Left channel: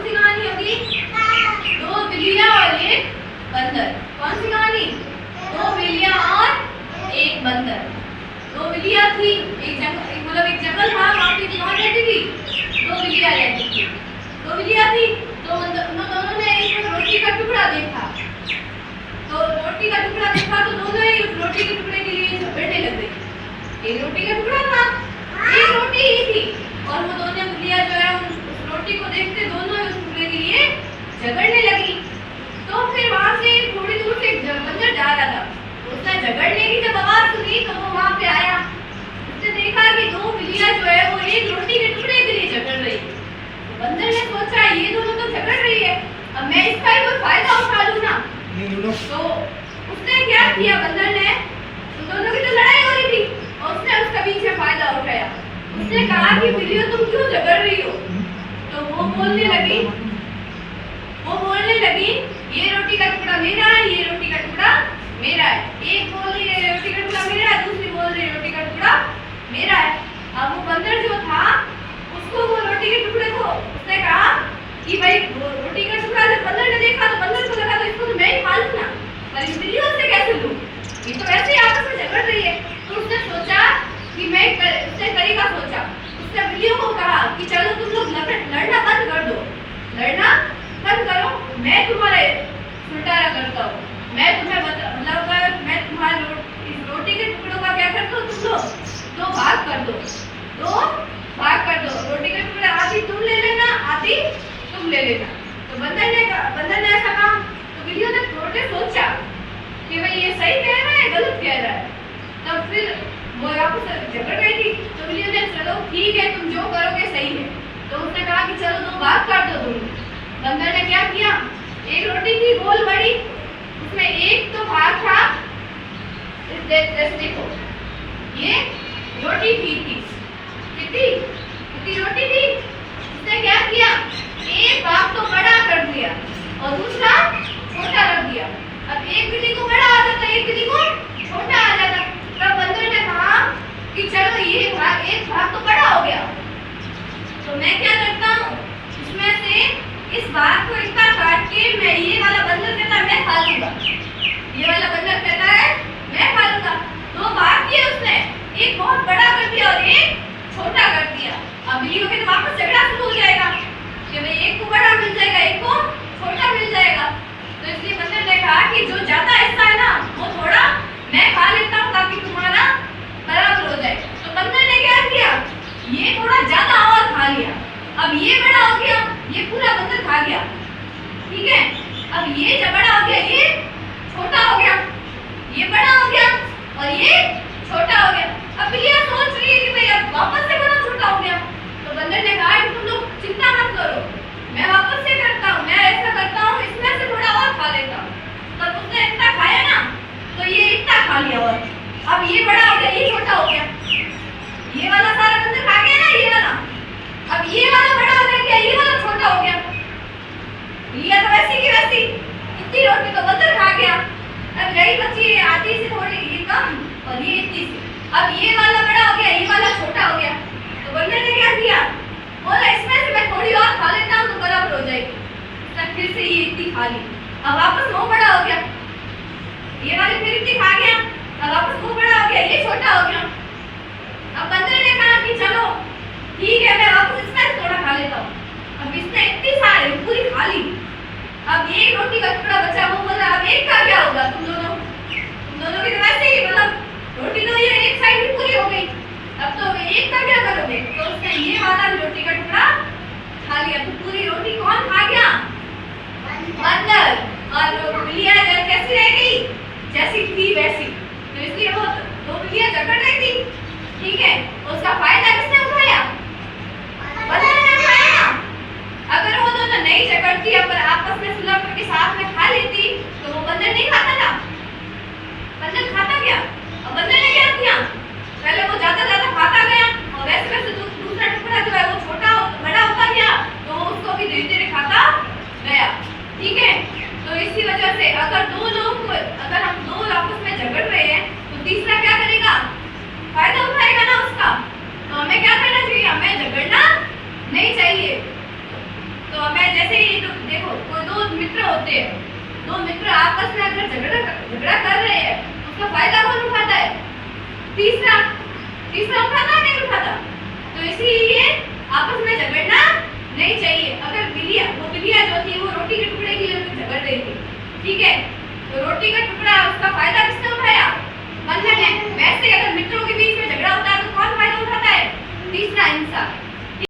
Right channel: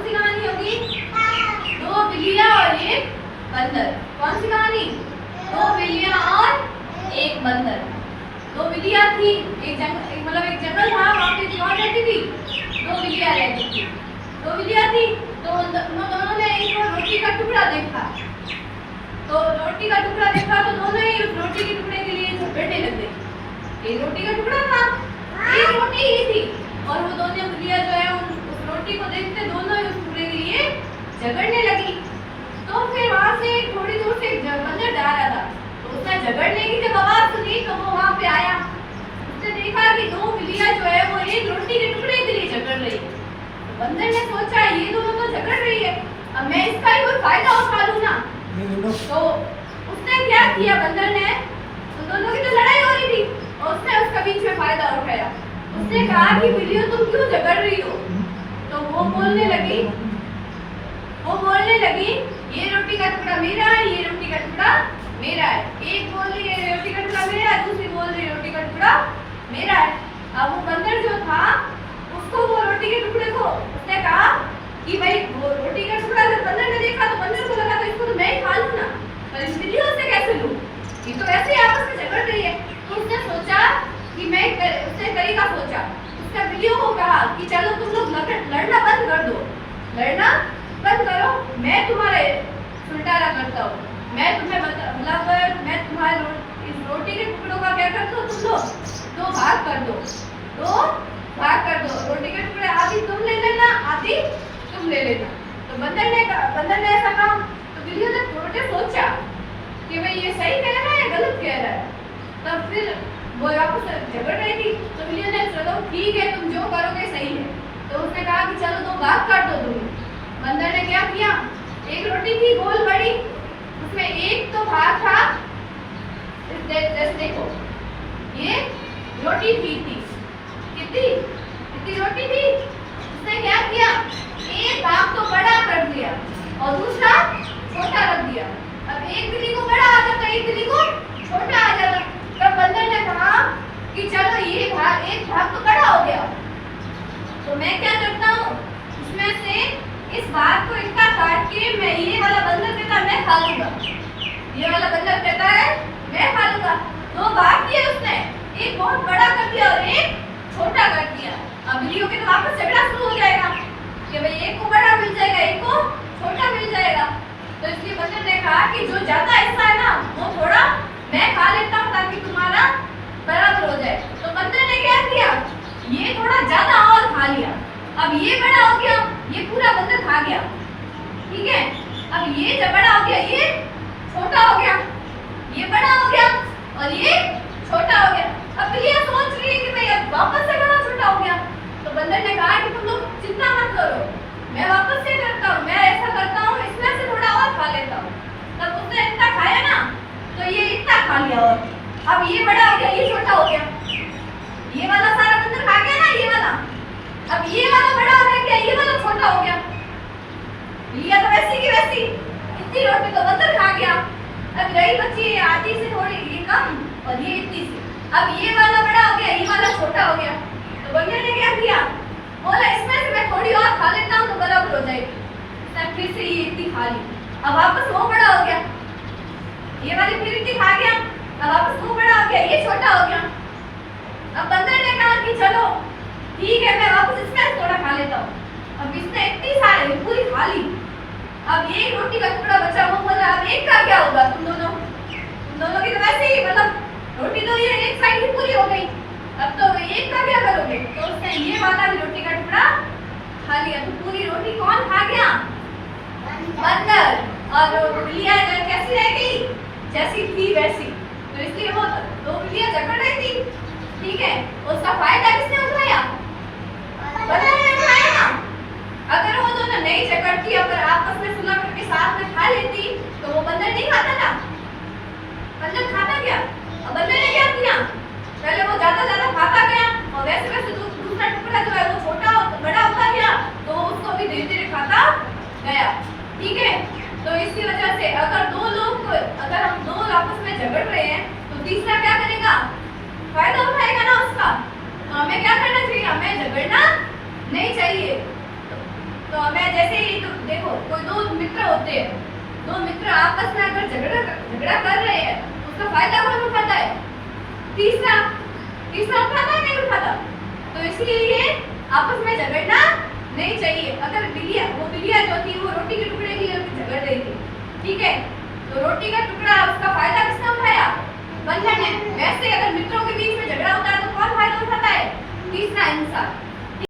कौन सी कहानी होगी? दो बिल्लियां और एक बंदर। कौन सी कहानी? दो बिल्लियां और एक बंदर। दो बिल्लियां थी, एक जंगल था, वहाँ पे कौन रहती थी? दो बिल्लियां रहती थी। दो बिल्लियां थी तो उन दोनों ने एक रोटी का टुकड़ा देखा। तो रोटी का टुकड़ा देखा तो दोनों ही उस रोटी के टुकड़े के लिए झगड़ने लग गए। एक रोटी का टुकड़ा था, एक रोटी ही थी, और वो दोनों बिल्लियां जो है उस रोटी को देखते दोनों उस टुकड़े के लिए झगड़ने लगी। तो फिर वहां से थोड़ी दूर से एक बंदर जा रहा था, उसने झगड़ने की जब आवाज सुनी तो वो वहां पे आया। उसने देखा कि दो बिल्लियां जो है वो एक रोटी के टुकड़े के लिए झगड़ रही। तो बंदर ने सोचा ये दोनों तो झगड़ रही है, अब मैं इसका ही कोई फायदा उठा लूं ना। तो उसने क्या किया, बंदर ने, उन दोनों की तो लड़ाई हो रही थी और उसने उसका बीच में फायदा उठाया। उसने कहा कि बिल्लियों तुम क्यों झगड़ रही हो? तो वो बोलने लगी ये रोटी का टुकड़ा मेरा है, ये रोटी का टुकड़ा मेरा है। एक बोल रही है रोटी का टुकड़ा मेरा है, दूसरी बोल रही है रोटी का टुकड़ा मेरा है। अब वो बंदर जो था उसको वो रोटी के टुकड़े को उसने कहा कि भाई वो रोटी का टुकड़ा जब बंदर ने देखा तो बंदर को लगा तो इसको तो मैं ही खा लूं ना, पर इन बिल्लियों से कैसे लूं, ये तो वैसे ही आपस में झगड़ रही है। तो उसने सोचा कि उसने तरीका सोचा। उसने बिल्लियों को कहा कि चलो तुम लोग लड़ना बंद कर दो, लड़ना बंद करो, मैं तुम्हारे सुलटारा करता हूँ। मैं तुम्हारे इस रोटी के टुकड़ों का क्या करता हूँ, तुम लोग दो भाग कर दो। रोटी के टुकड़े आधी तुम ले लेना, आधी तुम ले लेना। तो बंदर ने ऐसा कहा। तो बिल्लियों ने थोड़ा सोचा कि भाई ये सही कह रहा है गलत कह रहा है। तब फिर वो आपस में झगड़ रही थी। तो बिल्लियों ने चलो ठीक है तुम जो करोगे सही है। तो उसने कहा कि चलो दो भाग कर दो तुम। बंदर ने क्या किया, एक रोटी थी गोल बड़ी, उसमें एक तो भाग था, देखो ये रोटी थी कितनी रोटी थी। उसने क्या किया, एक भाग तो बड़ा कर दिया और दूसरा छोटा रख दिया। अब एक बिल्ली को बड़ा आ जाता, एक बिल्ली को छोटा आ जाता। तब बंदर ने कहा कि चलो ये एक भाग तो बड़ा हो गया, तो मैं क्या करता हूँ, इसमें से इस भाग को इतना काट के मैं, ये वाला बंदर कहता है मैं खा लूंगा, ये वाला बंदर कहता है मैं खा लूंगा। दो भाग किए उसने, एक बहुत बड़ा कर दिया और एक छोटा कर दिया। अब बिल्लियों के तो वापस झगड़ा शुरू हो जाएगा कि भाई एक को बड़ा मिल जाएगा, एक को छोटा मिल जाएगा। तो इसलिए बंदर ने कहा कि जो ज्यादा हिस्सा है ना वो थोड़ा मैं खा लेता हूँ ताकि तुम्हारा बराबर हो जाए। तो बंदर ने क्या किया, ये थोड़ा ज्यादा और खा लिया। अब ये बड़ा हो गया, ये पूरा बंदर खा गया, ठीक है। अब ये जब बड़ा हो गया, ये छोटा हो गया, ये बड़ा हो गया और ये छोटा हो गया। अब बिल्लियां सोच रही है कि भाई अब वापस से बड़ा छोटा हो गया। तो बंदर ने कहा कि तुम लोग चिंता मत करो, मैं वापस से करता हूँ, मैं ऐसा करता हूँ, इसमें से थोड़ा और खा लेता हूँ। तब उसने इतना खाया ना तो ये इतना खा लिया और अब ये बड़ा हो गया, ये छोटा हो गया, ये वाला सारा बंदर खा गया ना, ये वाला। अब ये वाला बड़ा हो गया, ये वाला छोटा हो गया। ये तो वैसी की वैसी, इतनी रोटी तो बंदर खा गया। अब रही बची आधी से थोड़ी ये कम और ये इतनी सी। अब ये वाला बड़ा हो गया, ये वाला छोटा हो गया। तो बंदर ने क्या किया, बोला इसमें से मैं थोड़ी और खा लेता हूँ तो बराबर हो जाएगी। तब फिर से ये इतनी खा ली, अब वापस वो बड़ा हो गया, ये वाली फिर इतनी खा गया, अब वापस वो बड़ा हो गया, ये छोटा हो गया। अब बंदर ने कहा कि चलो ठीक है मैं वापस इसमें से थोड़ा खा लेता हूँ। अब इसने इतनी सारी पूरी खा ली। अब एक रोटी का टुकड़ा बचा, वो बोला अब एक का क्या होगा, तुम दोनों की तो वैसे ही मतलब रोटी तो ये एक साइड भी पूरी हो गई, अब तो एक का क्या करोगे। तो उसने ये वाला भी रोटी का टुकड़ा खा लिया। तो पूरी रोटी कौन खा गया, बंदर। और बिल्लियां कैसी रह गई, जैसी थी वैसी। तो इसलिए वो दो बिल्लियां झगड़ रही थी, ठीक है। उसका फायदा किसने उठाया, बंदर ने उठाया ना। अगर वो दोनों नहीं झगड़ती, अगर आपस में सुलह करके साथ में खा लेती तो वो बंदर नहीं खाता ना, बंदर खाता क्या। अब बंदर ने क्या किया, पहले वो ज्यादा खाता गया और वैसे दूसरा टुकड़ा जो है वो छोटा बड़ा होता गया, तो उसको भी धीरे धीरे खाता गया, ठीक है। तो इसी वजह से अगर हम दो आपस में झगड़ रहे हैं तो तीसरा क्या करेगा, फायदा उठाएगा ना उसका। तो हमें क्या करना चाहिए, हमें झगड़ना नहीं चाहिए। तो हमें जैसे ये तो देखो कोई दो मित्र होते हैं, दो मित्र आपस में अगर झगड़ा कर रहे हैं, उसका फायदा कौन उठाता है? तीसरा उठाता नहीं उठाता। तो इसलिए आपस में झगड़ना नहीं चाहिए। अगर बिल्लियाँ जो थी वो रोटी के टुकड़े के लिए झगड़ रही थी, ठीक है, तो रोटी का टुकड़ा उसका फायदा किसने उठाया? बंधन ने। वैसे अगर मित्रों के बीच में झगड़ा होता है तो कौन फायदा उठाता है? तीसरा इंसान।